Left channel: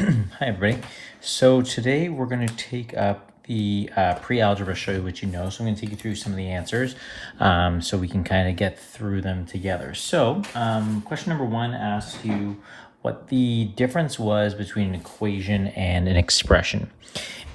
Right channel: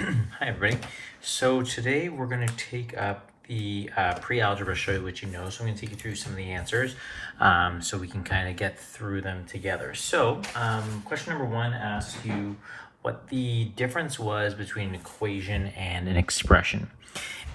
Hi everybody. So today we're going to take up the pre-algebra, show you what you know. So I'm going to take you through some of the answers so we can kind of get through them together. So question number 1 asks you what the difference was between an equation and an expression.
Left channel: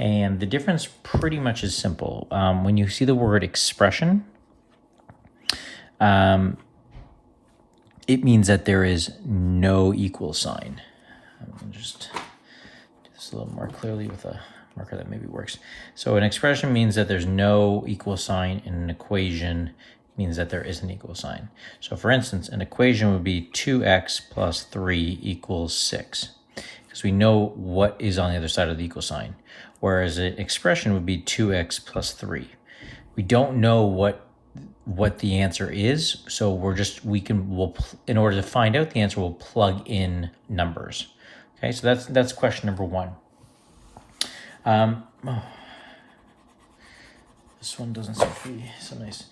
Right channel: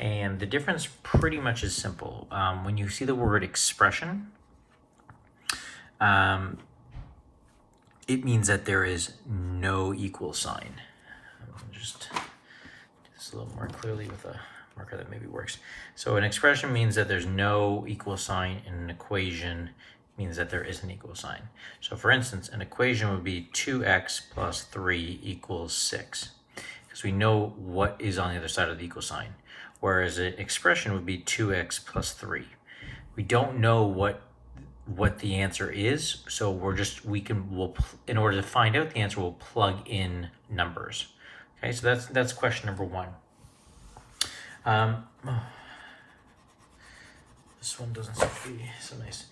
And the difference pretty much is simple. When you see the word expression, it means that there is no equal sign. Just a little more clearly with a marker that maybe works. So an expression means that there's no equal sign, and an equation means that there is an equal sign. So for instance, an equation would be 2x plus 3 equals 6, because we know what is on the other side of the equal sign. Whereas an expression would be 2x plus 3. We don't know what the answer is, so we'll in order to find out the answer, we'll plug in numbers. Okay, so that's question number 1. This one doesn't seem to be so nice.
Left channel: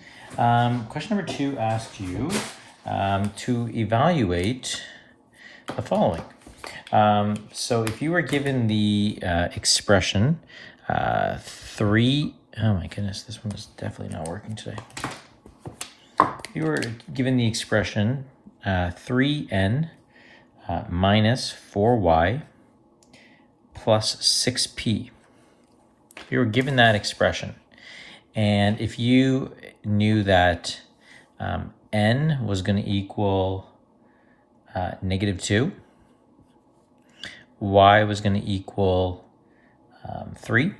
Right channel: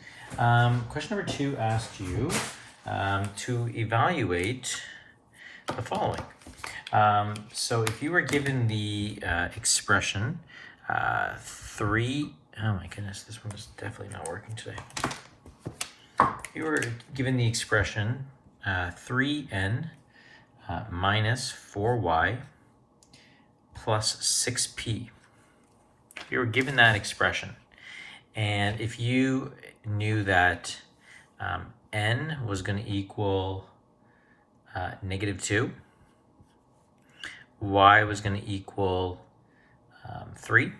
Question number 2 asked you to evaluate the following. So if you were given the expression 3, oh my goodness, this one is definitely not working today. If you were given the expression 3n minus 4y plus 6p. You were given that expression, and if you knew that n was going to equal -2, y was going to equal 3,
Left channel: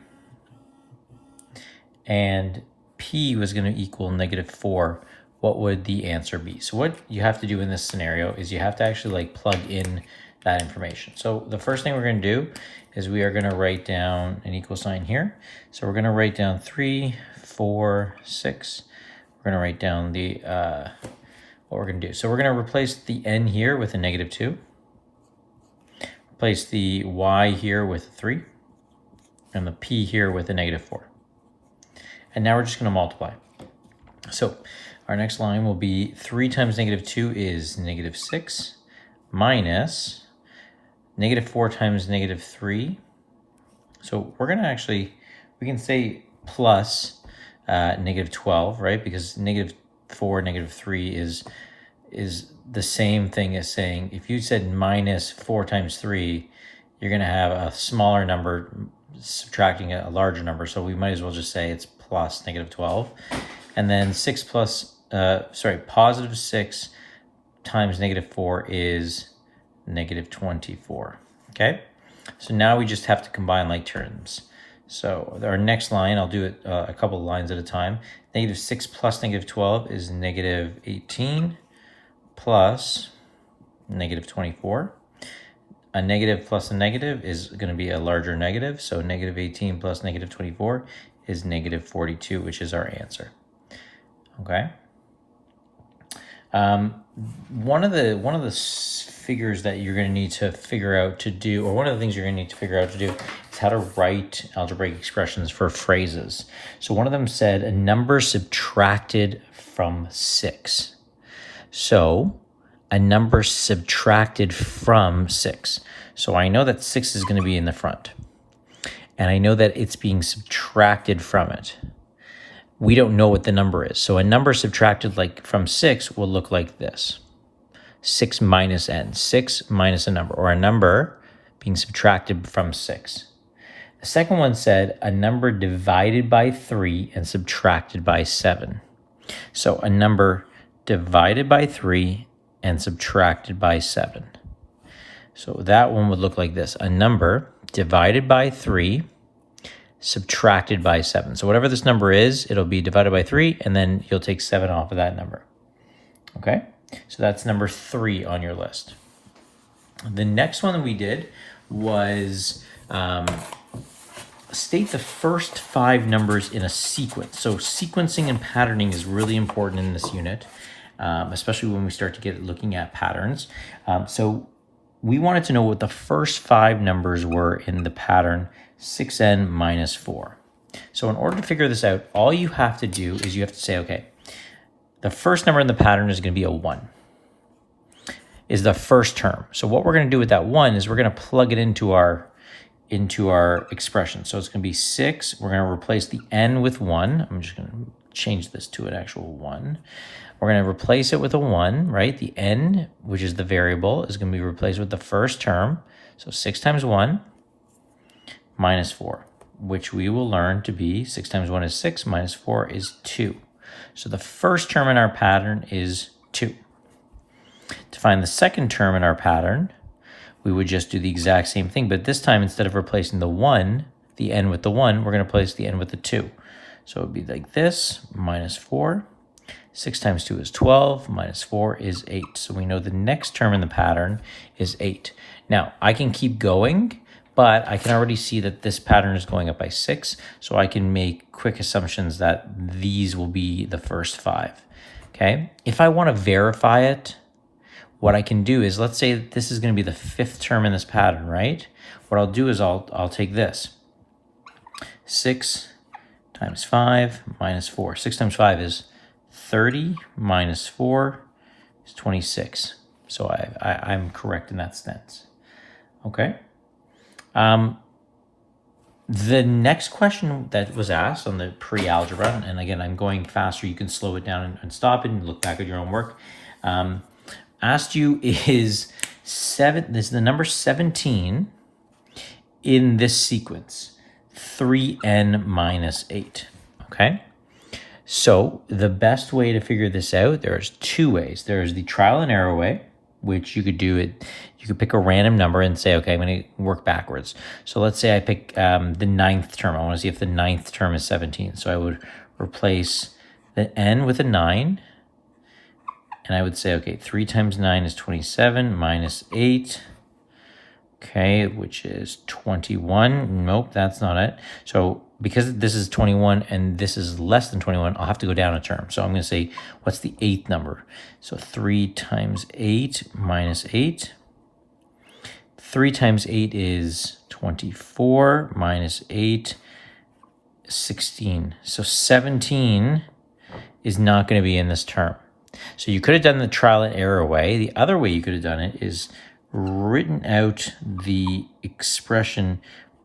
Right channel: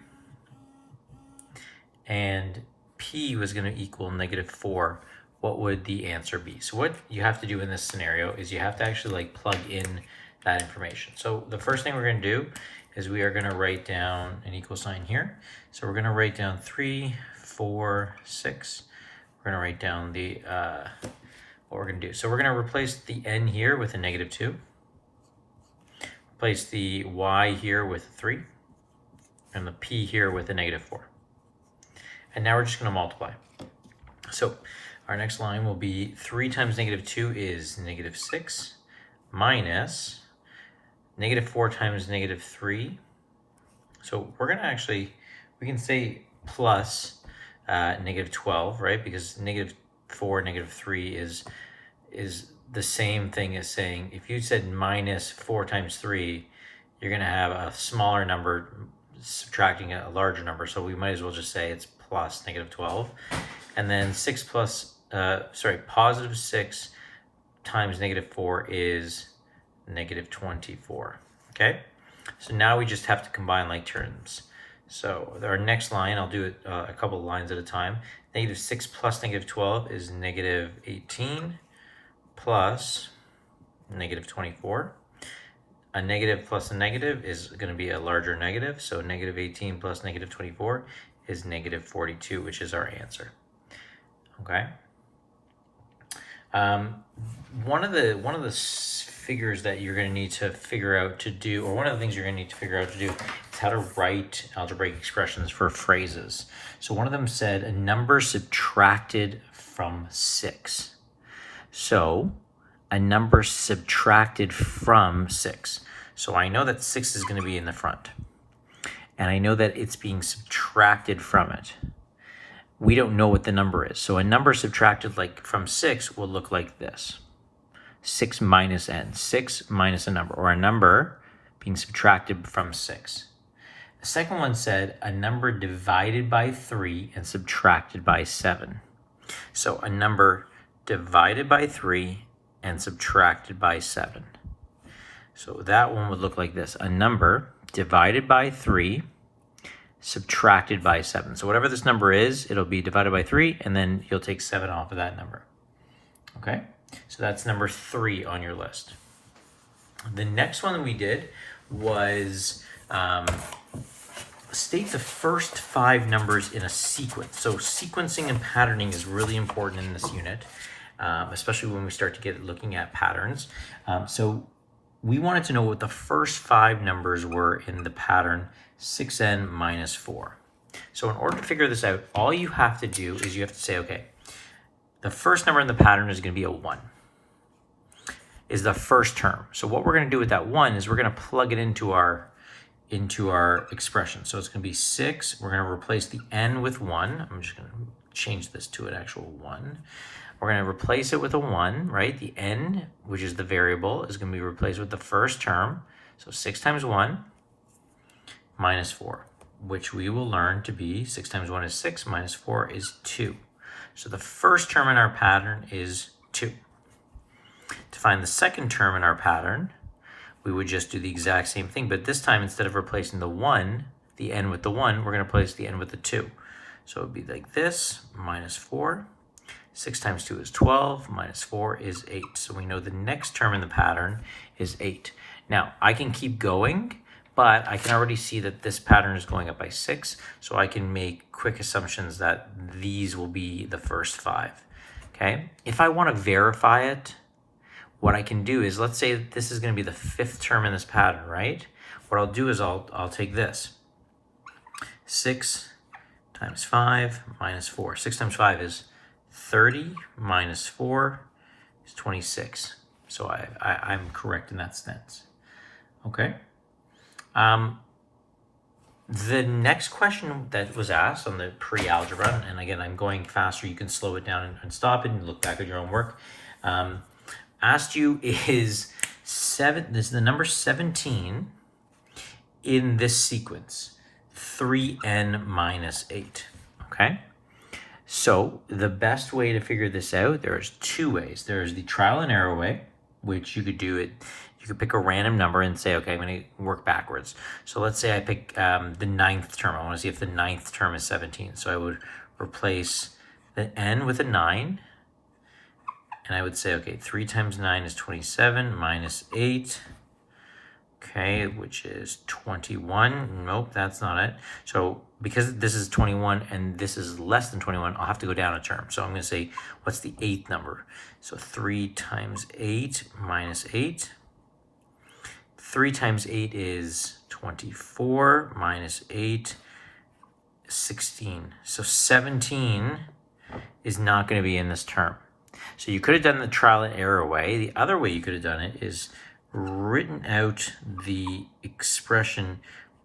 and p was going to equal -4, what would the answer be? So what you have to do in this scenario is you have to actually plug in that information. So the first thing we're going to do is we are going to write down an equal sign here. So we're going to write down 3, 4, 6. We're going to write down the what we're going to do. So we're going to replace the n here with a -2. Replace the y here with a 3. And the p here with a -4. And now we're just going to multiply. So our next line will be 3 times -2 is -6 minus -4 times -3. So we're going to actually, we can say plus -12, right? Because -4, -3 is the same thing as saying, if you said -4 times 3, you're going to have a smaller number subtracting a larger number. So we might as well just say it's plus -12. And then positive 6 times -4 is -24. Okay, so now we just have to combine like terms. So our next line, I'll do it a couple of lines at a time. -6 plus -12 is -18 plus -24. A negative plus a negative is going to be a larger negative, so -18 plus -24 is -42, which is our answer. Okay. One of the figures that you're going to need to figure out to do, or one of the things you're going to need to figure out to do, is how to write algebraic expressions for phrases. So one of them said a number subtracted from 6. So a number subtracted from 6. So I know that 6 is going to be in the front, and I know that it's being subtracted from it. We don't know what the number is. So a number subtracted from 6 will look like this. 6 minus n, 6 minus a number, or a number being subtracted from 6. The second one said a number divided by 3 and subtracted by 7. So a number divided by 3 and subtracted by 7. So that one would look like this. A number divided by 3 subtracted by 7. So whatever this number is, it'll be divided by 3, and then you'll take 7 off of that number. Okay, so that's number 3 on your list. The next one that we did was state the first 5 numbers in a sequence. So sequencing and patterning is really important in this unit, especially when we start to get looking at patterns. So we wanted to know what the first 5 numbers were in the pattern 6n minus 4. So in order to figure this out, all you have to do is you have to say, okay, the first number in the pattern is going to be a 1. is the first term. So what we're going to do with that 1 is we're going to plug it into our expression. So it's going to be 6. We're going to replace the n with 1. I'm just going to change this to an actual 1. We're going to replace it with a 1, right? The n, which is the variable, is going to be replaced with the first term. So 6 times 1 minus 4, which we will learn to be 6 times 1 is 6, minus 4 is 2. So the first term in our pattern is 2. To find the second term in our pattern, we would just do the exact same thing, but this time instead of replacing the 1, the n with the 1, we're going to replace the n with the 2. So it would be like this, minus 4. 6 times 2 is 12, minus 4 is 8. So we know the next term in the pattern is 8. Now, I can keep going, but I can already see that this pattern is going up by 6, so I can make quick assumptions that these will be the first 5. Okay? If I want to verify it, what I can do is, let's say that this is going to be the 5th term in this pattern, right? What I'll do is I'll take this. 6 times 5 minus 4. 6 times 5 is 30, minus 4 is 26. So I'm correct in that sense. Okay. The next question that was asked on the pre-algebra, and again, I'm going faster, you can slow it down and stop it and look back at your own work. Asked you is the number 17 in this sequence, 3n minus 8, okay? So the best way to figure this out, there's 2 ways. There's the trial and error way, which you could do it. You could pick a random number and say, okay, I'm going to work backwards. So let's say I pick the 9th term. I want to see if the 9th term is 17. So I would replace the n with a 9. And I would say, okay, 3 times 9 is 27 minus 8. Okay, which is 21. Nope, that's not it. So because this is 21 and this is less than 21, I'll have to go down a term. So I'm going to say, what's the 8th number? So 3 times 8 minus 8. 3 times 8 is 24, minus 8, 16. So 17 is not going to be in this term. So you could have done the trial and error way. The other way you could have done it is written out the expression,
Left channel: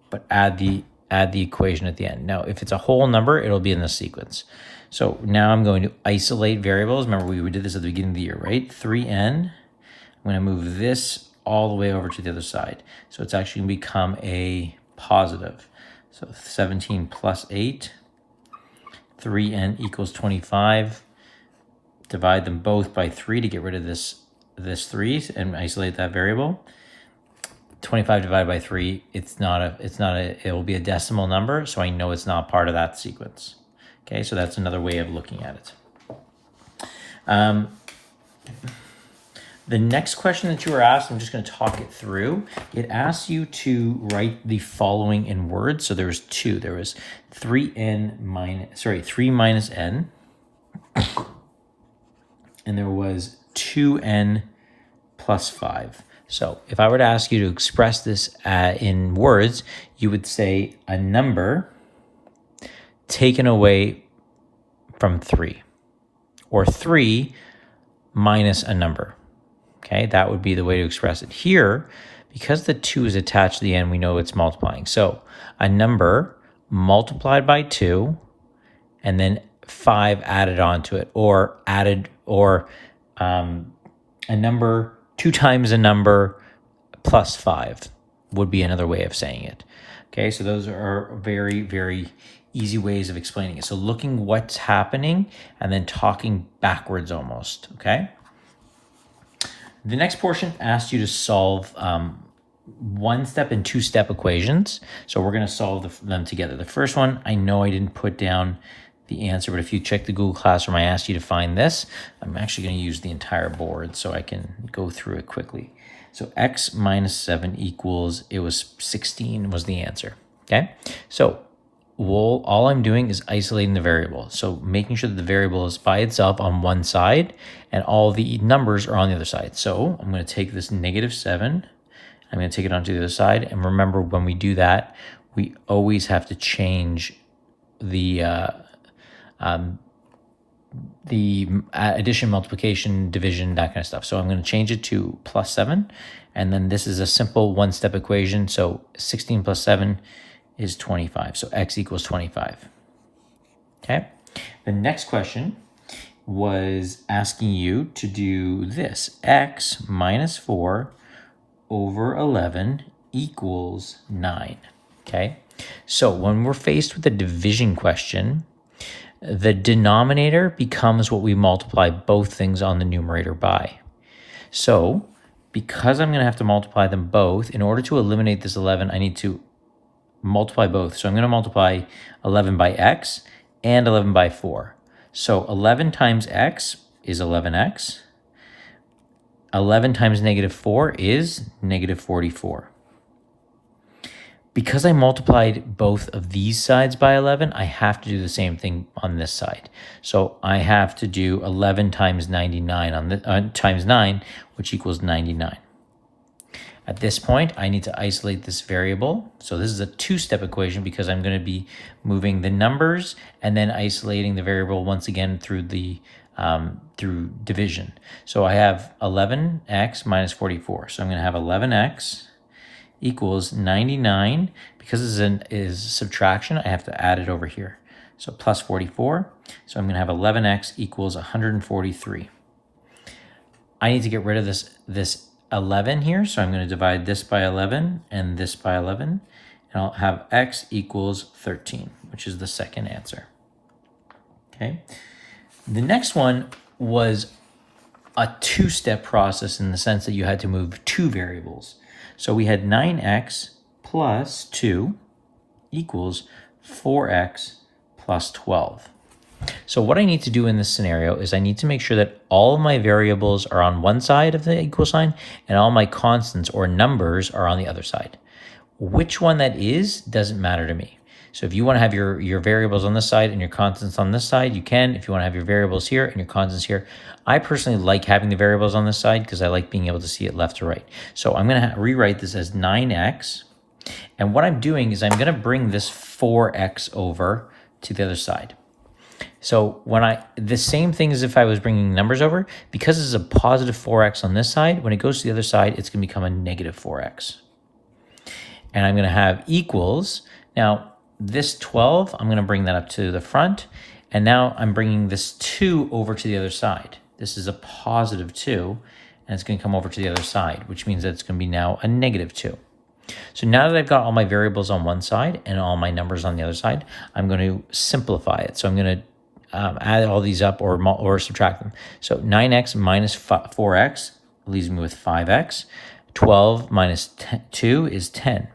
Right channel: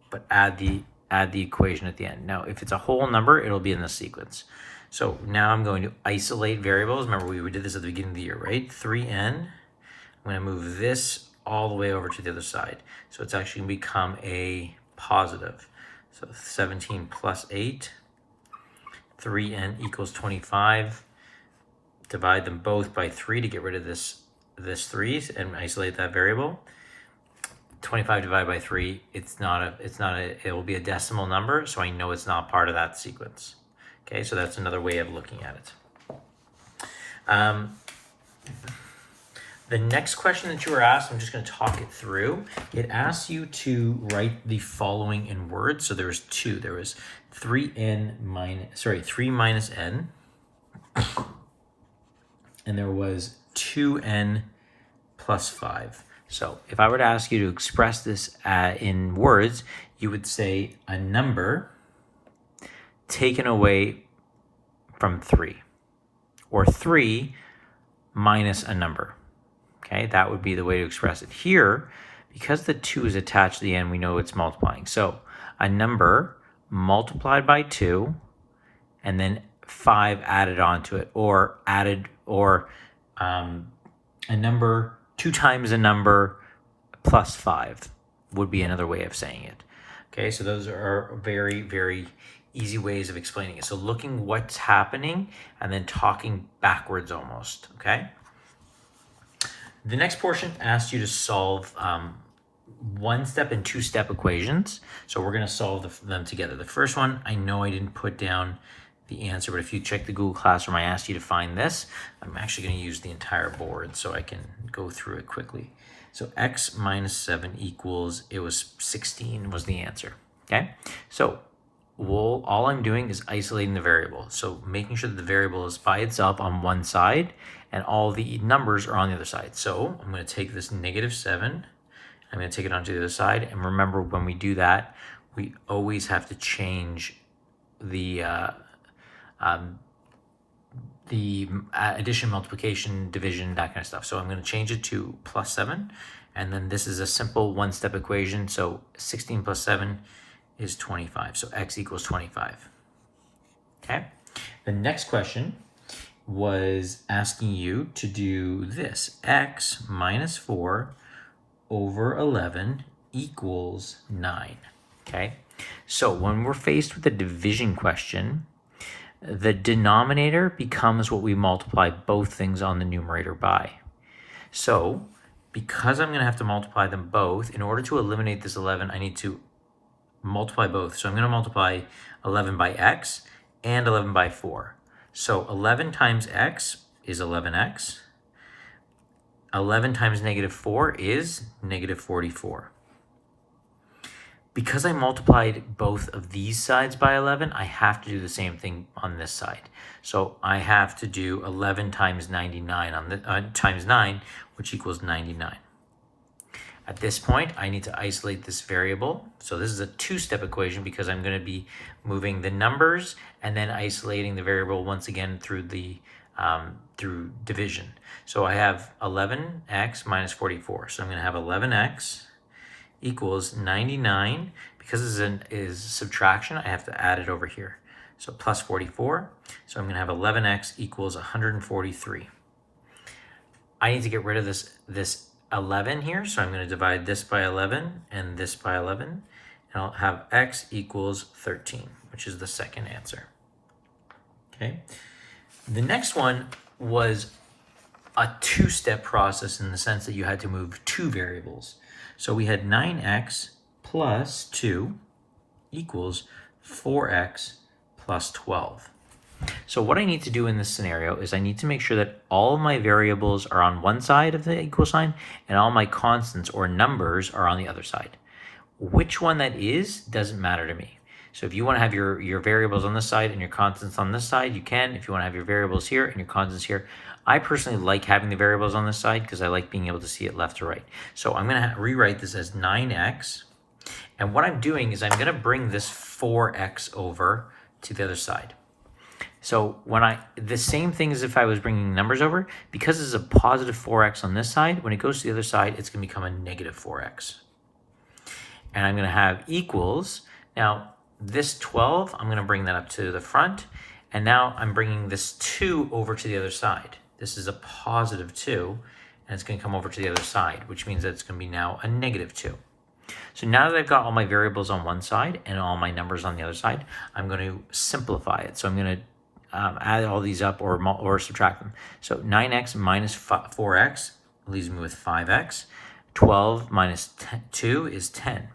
but add the equation at the end. Now, if it's a whole number, it'll be in the sequence. So now I'm going to isolate variables. Remember, we did this at the beginning of the year, right? 3n. I'm going to move this all the way over to the other side. So it's actually going to become a positive. So 17 plus 8, 3n equals 25. Divide them both by 3 to get rid of this 3 and isolate that variable. 25 divided by 3, it will be a decimal number, so I know it's not part of that sequence. Okay, so that's another way of looking at it. The next question that you were asked, I'm just going to talk it through. It asks you to write the following in words. So there was 2. There was 3 minus n. And there was 2n plus 5. So if I were to ask you to express this in words, you would say a number taken away from 3, or 3 minus a number. Okay, that would be the way to express it. Here, because the 2 is attached to the end, we know it's multiplying. So a number multiplied by 2, and then 5 added onto it, or a number 2 times a number plus 5 would be another way of saying it. Okay, so those are very, very easy ways of explaining it. So looking what's happening and then talking backwards almost, okay? The next portion asks you to solve 1-step and 2-step equations. So we're going to solve them together. The first one, I know I didn't put down the answer, but if you check the Google Classroom, I asked you to find this. I'm actually going to use the entire board so I can go through it quickly. So x minus 7 equals, it was 16 was the answer, okay? So all I'm doing is isolating the variable. So making sure that the variable is by itself on one side and all the numbers are on the other side. So I'm going to take this negative 7, I'm going to take it onto the other side. And remember, when we do that, we always have to change the the addition, multiplication, division, that kind of stuff. So I'm going to change it to plus 7. And then this is a simple one-step equation. So 16 plus 7 is 25. So x equals 25. Okay. The next question was asking you to do this. X minus 4 over 11 equals 9. Okay. So when we're faced with a division question, the denominator becomes what we multiply both things on the numerator by. So because I'm going to have to multiply them both, in order to eliminate this 11, I need to multiply both. So I'm going to multiply 11 by x and 11 by 4. So 11 times x is 11x. 11 times negative 4 is negative 44. Because I multiplied both of these sides by 11, I have to do the same thing on this side. So I have to do 11 times 99 on the times 9, which equals 99. At this point, I need to isolate this variable. So this is a two-step equation because I'm going to be moving the numbers and then isolating the variable once again through the through division. So I have 11x minus 44. So I'm going to have 11x equals 99. Because this is subtraction, I have to add it over here. So plus 44. So I'm going to have 11x equals 143. I need to get rid of this 11 here. So I'm going to divide this by 11 and this by 11. And I'll have x equals 13, which is the second answer. Okay. The next one was a two-step process in the sense that you had to move two variables. So we had 9x plus 2 equals 4x plus 12. So what I need to do in this scenario is I need to make sure that all my variables are on one side of the equal sign and all my constants or numbers are on the other side. Which one that is doesn't matter to me. So if you want to have your variables on this side and your constants on this side, you can. If you want to have your variables here and your constants here, I personally like having the variables on this side because I like being able to see it left to right. So I'm going to rewrite this as 9x. And what I'm doing is I'm going to bring this 4x over to the other side. So the same thing as if I was bringing numbers over, because this is a positive 4x on this side, when it goes to the other side, it's going to become a negative 4x. And I'm going to have equals. Now, this 12, I'm going to bring that up to the front. And now I'm bringing this 2 over to the other side. This is a positive 2, and it's going to come over to the other side, which means that it's going to be now a negative 2. So now that I've got all my variables on one side and all my numbers on the other side, I'm going to simplify it. So I'm going to add all these up or subtract them. So 9x minus 4x leaves me with 5x. 12 minus 2 is 10.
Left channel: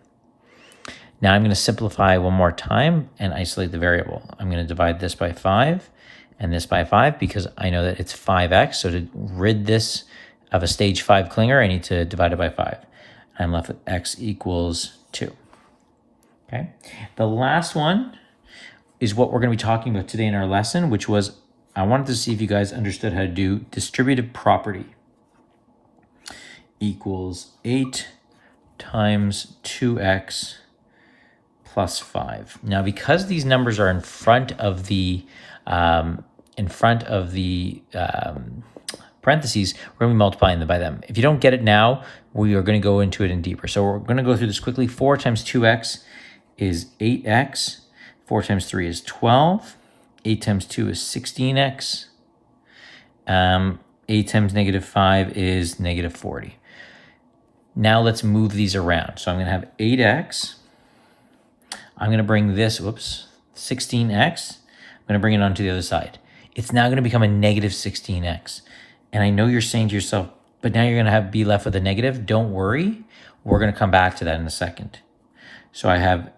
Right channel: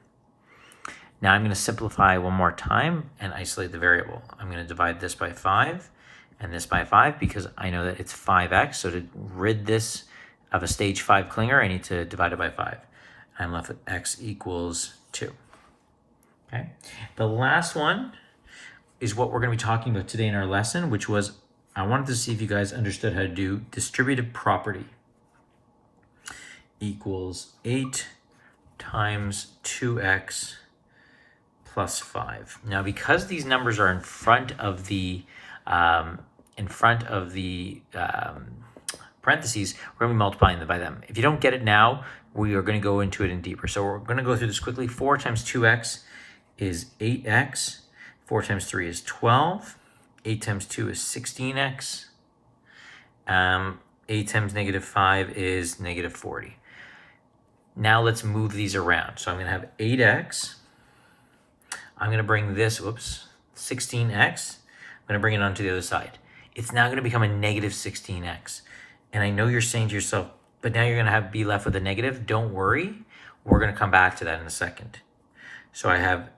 Now I'm going to simplify one more time and isolate the variable. I'm going to divide this by 5 and this by 5 because I know that it's 5x. So to rid this of a stage 5 clinger, I need to divide it by 5. I'm left with x equals 2. Okay. The last one is what we're going to be talking about today in our lesson, which was I wanted to see if you guys understood how to do distributive property equals 8 times 2x plus 5. Now, because these numbers are in front of the parentheses, we're going to be multiplying them by them. If you don't get it now, we are going to go into it in deeper. So we're going to go through this quickly. 4 times 2x is 8x. 4 times 3 is 12. 8 times 2 is 16x. 8 times negative 5 is negative 40. Now let's move these around. So I'm going to have 8x. I'm going to bring this, 16x. I'm going to bring it onto the other side. It's now going to become a negative 16x. And I know you're saying to yourself, but now you're going to be left with a negative. Don't worry. We're going to come back to that in a second. So I have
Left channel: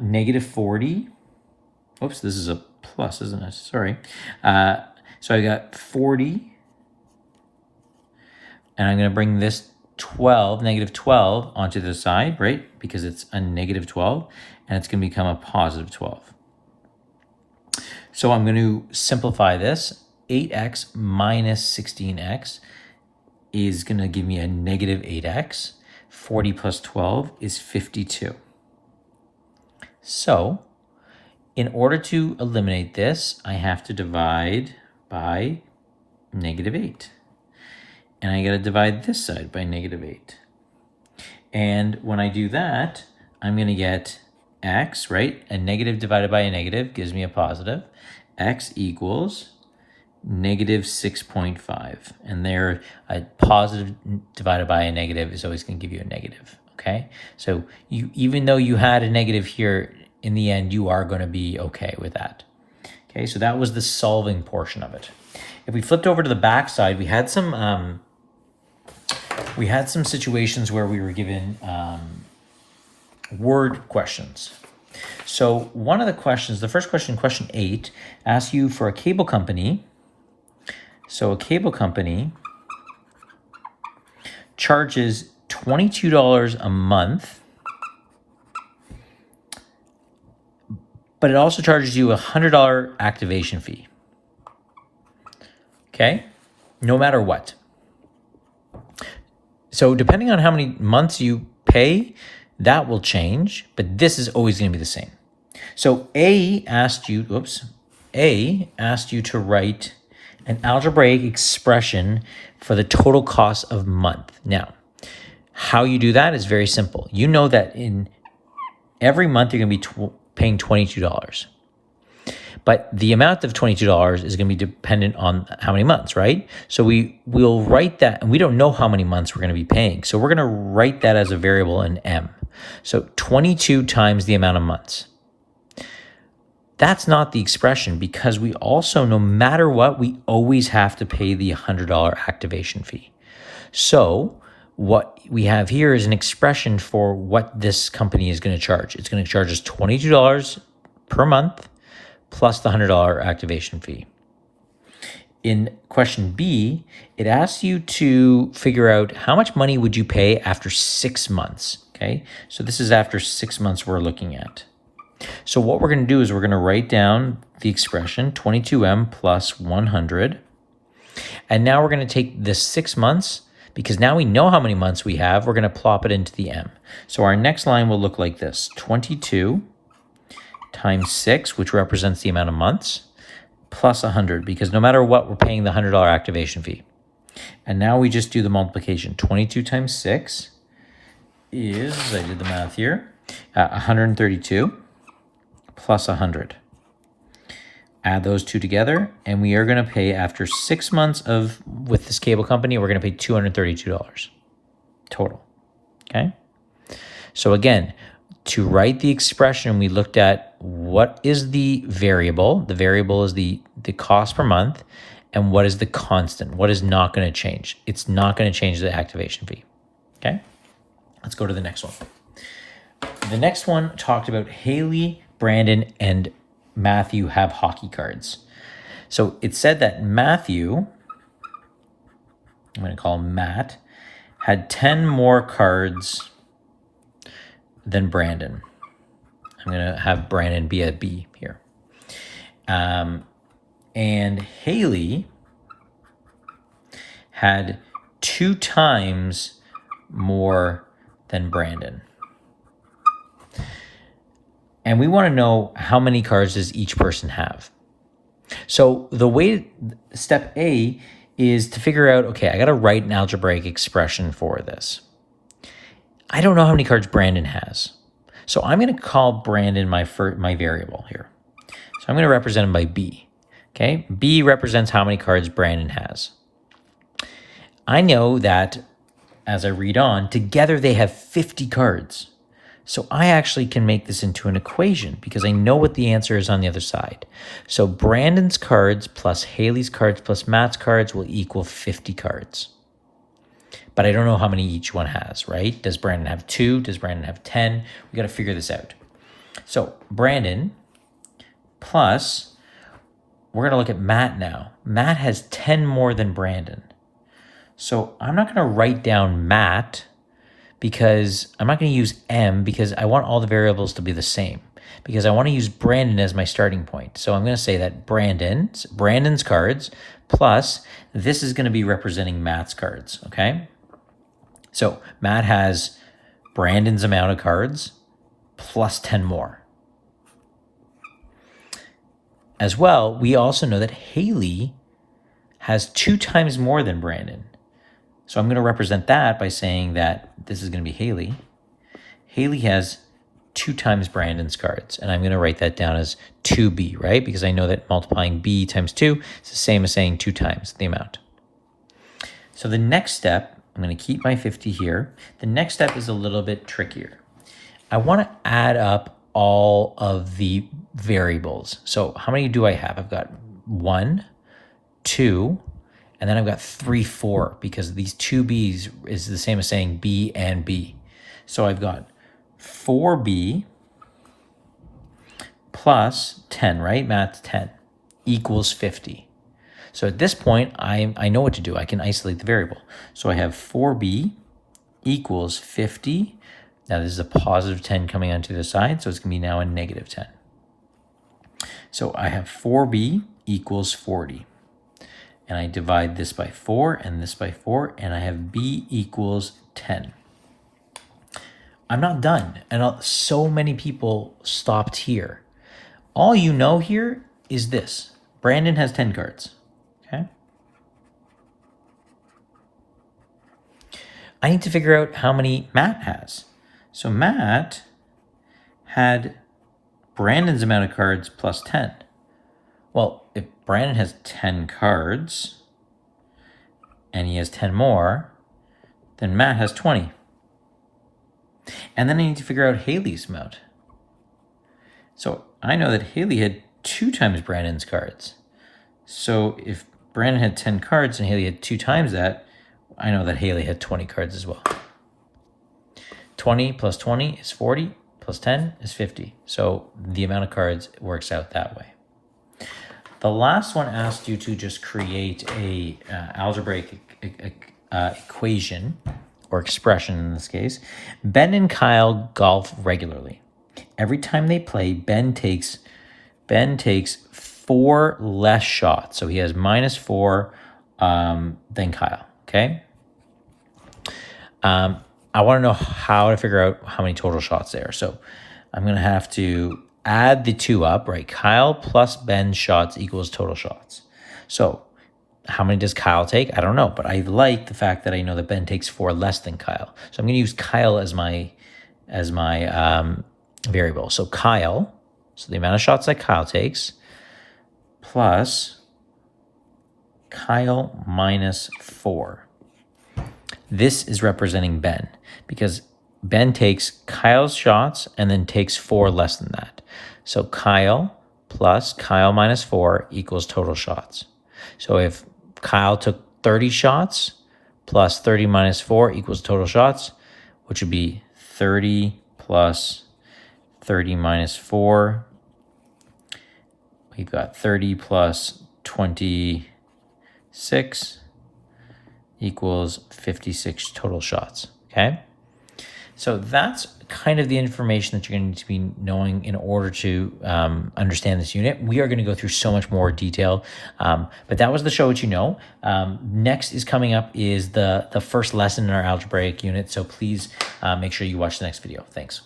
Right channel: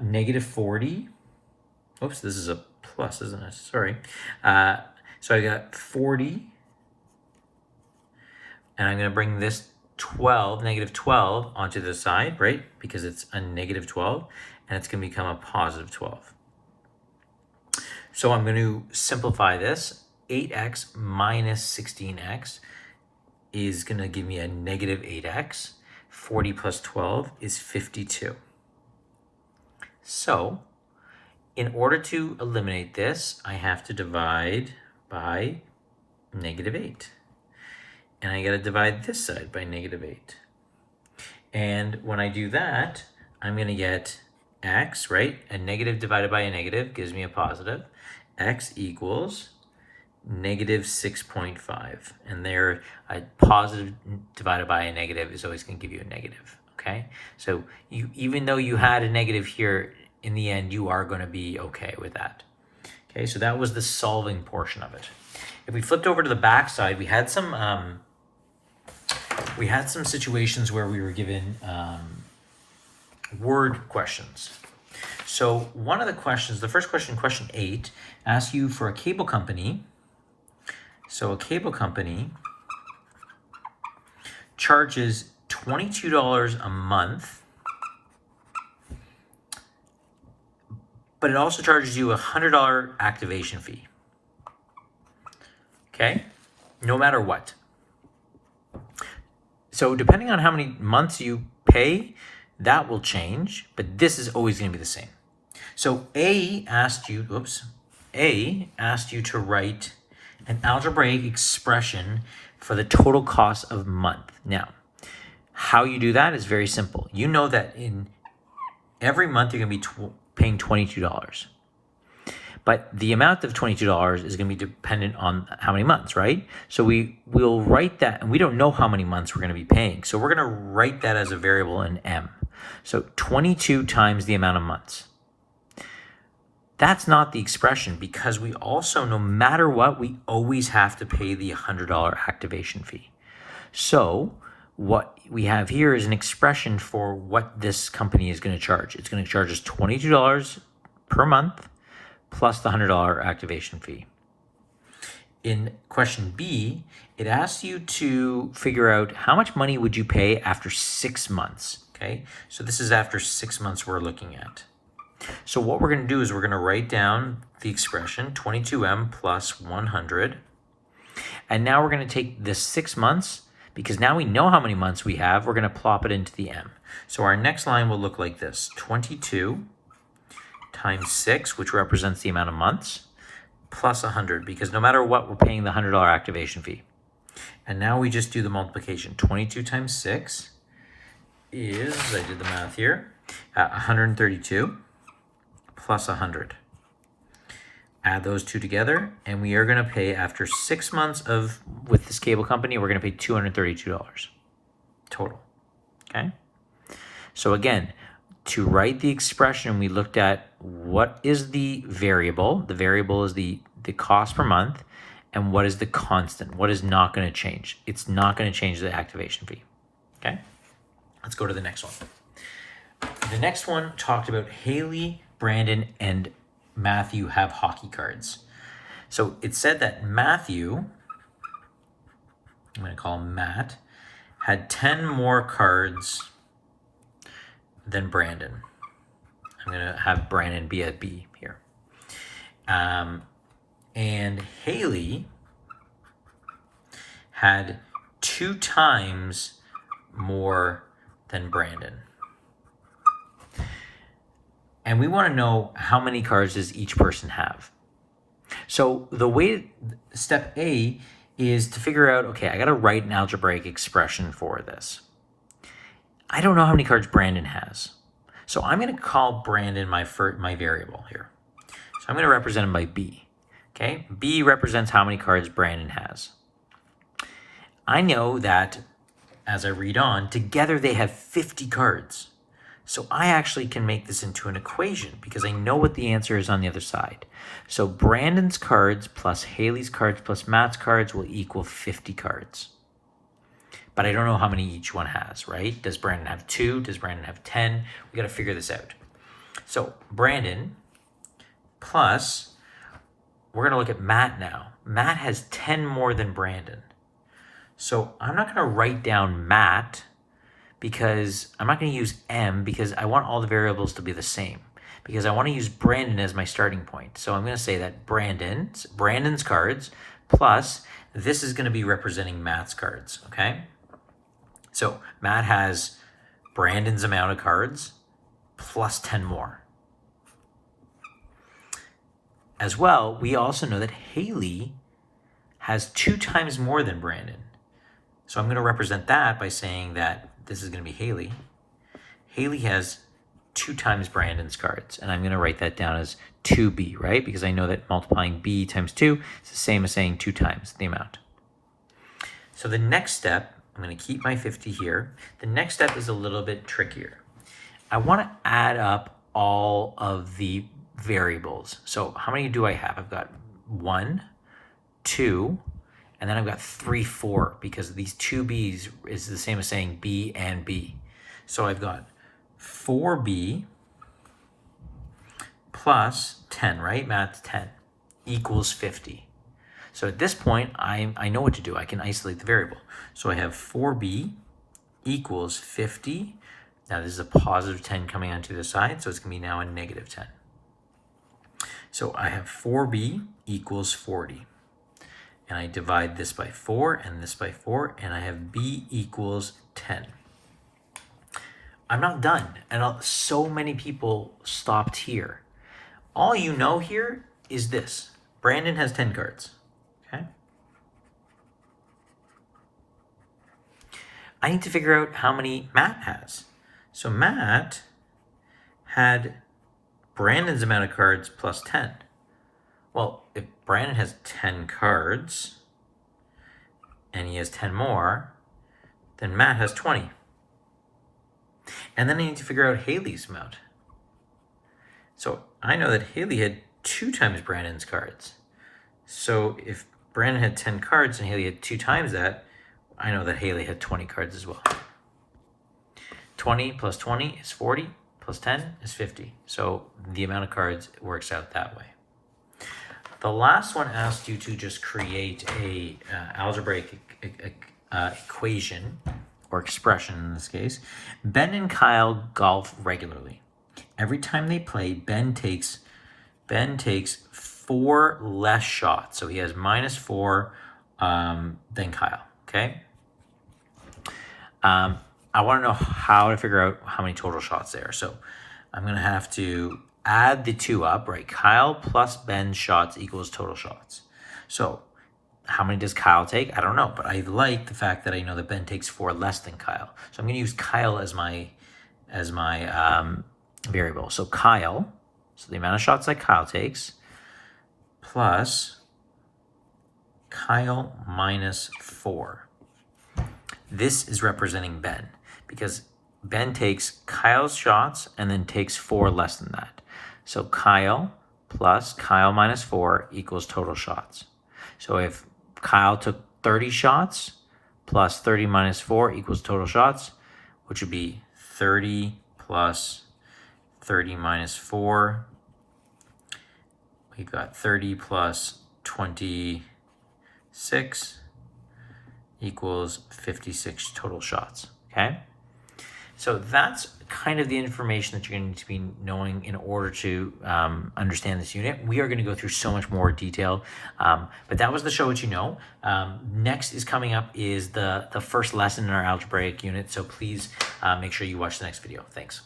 negative 40. Oops, this is a plus, isn't it? Sorry. So I got 40. And I'm going to bring this 12, negative 12, onto the side, right? Because it's a negative 12. And it's going to become a positive 12. So I'm going to simplify this. 8x minus 16x is going to give me a negative 8x. 40 plus 12 is 52. So in order to eliminate this, I have to divide by -8. And I got to divide this side by -8. And when I do that, I'm going to get x, right? A negative divided by a negative gives me a positive. X equals -6.5. And there, a positive divided by a negative is always going to give you a negative, okay? So even though you had a negative here, in the end, you are going to be okay with that. Okay, so that was the solving portion of it. If we flipped over to the back side, we had some situations where we were given word questions. So one of the questions, the first question, question 8, asks you for a cable company. So a cable company charges $22 a month, but it also charges you a $100 activation fee. Okay, no matter what. So depending on how many months you pay, that will change, but this is always going to be the same. So A asked you to write an algebraic expression for the total cost of month. Now, how you do that is very simple. You know that in every month you're going to be paying $22. But the amount of $22 is going to be dependent on how many months, right? So we'll write that, and we don't know how many months we're going to be paying. So we're going to write that as a variable in M. So 22 times the amount of months. That's not the expression, because we also, no matter what, we always have to pay the $100 activation fee. So what we have here is an expression for what this company is going to charge. It's going to charge us $22 per month plus the $100 activation fee. In question B, it asks you to figure out how much money would you pay after 6 months, okay? So this is after 6 months we're looking at. So what we're going to do is we're going to write down the expression 22m plus 100. And now we're going to take this 6 months, because now we know how many months we have, we're going to plop it into the m. So our next line will look like this: 22 times 6, which represents the amount of months, plus 100, because no matter what, we're paying the $100 activation fee. And now we just do the multiplication. 22 times 6 is, I did the math here, 132 plus 100. Add those two together, and we are going to pay, after 6 months with this cable company, we're going to pay $232 total. Okay? So again, to write the expression, we looked at what is the variable. The variable is the cost per month, and what is the constant? What is not going to change? It's not going to change the activation fee. Okay? Let's go to the next one. The next one talked about Haley, Brandon, and Matthew have hockey cards. So it said that Matthew, I'm going to call him Matt, had 10 more cards than Brandon. I'm going to have Brandon be a B here. And Haley had 2 times more than Brandon. And we want to know how many cards does each person have. So the way, step A is to figure out, okay, I got to write an algebraic expression for this. I don't know how many cards Brandon has. So I'm going to call Brandon my variable here. So I'm going to represent him by B. Okay, B represents how many cards Brandon has. I know that, as I read on, together they have 50 cards. So I actually can make this into an equation, because I know what the answer is on the other side. So Brandon's cards plus Haley's cards plus Matt's cards will equal 50 cards. But I don't know how many each one has, right? Does Brandon have 2? Does Brandon have 10? We got to figure this out. So Brandon plus, we're going to look at Matt now. Matt has 10 more than Brandon. So I'm not going to write down Matt, because I'm not going to use M, because I want all the variables to be the same, because I want to use Brandon as my starting point. So I'm going to say that Brandon's cards plus, this is going to be representing Matt's cards, okay? So Matt has Brandon's amount of cards plus 10 more. As well, we also know that Haley has 2 times more than Brandon. So I'm going to represent that by saying that this is going to be Haley. Haley has 2 times Brandon's cards, and I'm going to write that down as 2B, right? Because I know that multiplying B times 2 is the same as saying 2 times the amount. So the next step, I'm going to keep my 50 here. The next step is a little bit trickier. I want to add up all of the variables. So how many do I have? I've got 1, 2, and then I've got 3, 4, because these 2 B's is the same as saying B and B. So I've got 4B plus 10, right? Math 10 equals 50. So at this point, I know what to do. I can isolate the variable. So I have 4B equals 50. Now this is a positive 10 coming onto the side, so it's going to be now a negative 10. So I have 4B equals 40. And I divide this by 4 and this by 4, and I have B equals 10. I'm not done, and so many people stopped here. All you know here is this. Brandon has 10 cards, okay? I need to figure out how many Matt has. So Matt had Brandon's amount of cards plus 10. Well, if Brandon has 10 cards and he has 10 more, then Matt has 20. And then I need to figure out Haley's amount. So I know that Haley had 2 times Brandon's cards. So if Brandon had 10 cards and Haley had 2 times that, I know that Haley had 20 cards as well. 20 plus 20 is 40, plus 10 is 50. So the amount of cards works out that way. The last one asked you to just create a algebraic equation, or expression in this case. Ben and Kyle golf regularly. Every time they play, Ben takes 4 less shots. So he has -4 than Kyle, okay? I want to know how to figure out how many total shots there. So I'm going to have to add the 2 up, right? Kyle plus Ben's shots equals total shots. So how many does Kyle take? I don't know, but I like the fact that I know that Ben takes 4 less than Kyle. So I'm going to use Kyle as my variable. So Kyle, so the amount of shots that Kyle takes, plus Kyle minus 4. This is representing Ben, because Ben takes Kyle's shots and then takes 4 less than that. So Kyle plus Kyle minus 4 equals total shots. So if Kyle took 30 shots plus 30 minus 4 equals total shots, which would be 30 plus 30 minus 4. We've got 30 plus 26 equals 56 total shots, okay? So that's kind of the information that you're going to need to be knowing in order to understand this unit. We are going to go through so much more detail, but that was the show what you know. Next is coming up is the first lesson in our algebraic unit, so please make sure you watch the next video. Thanks.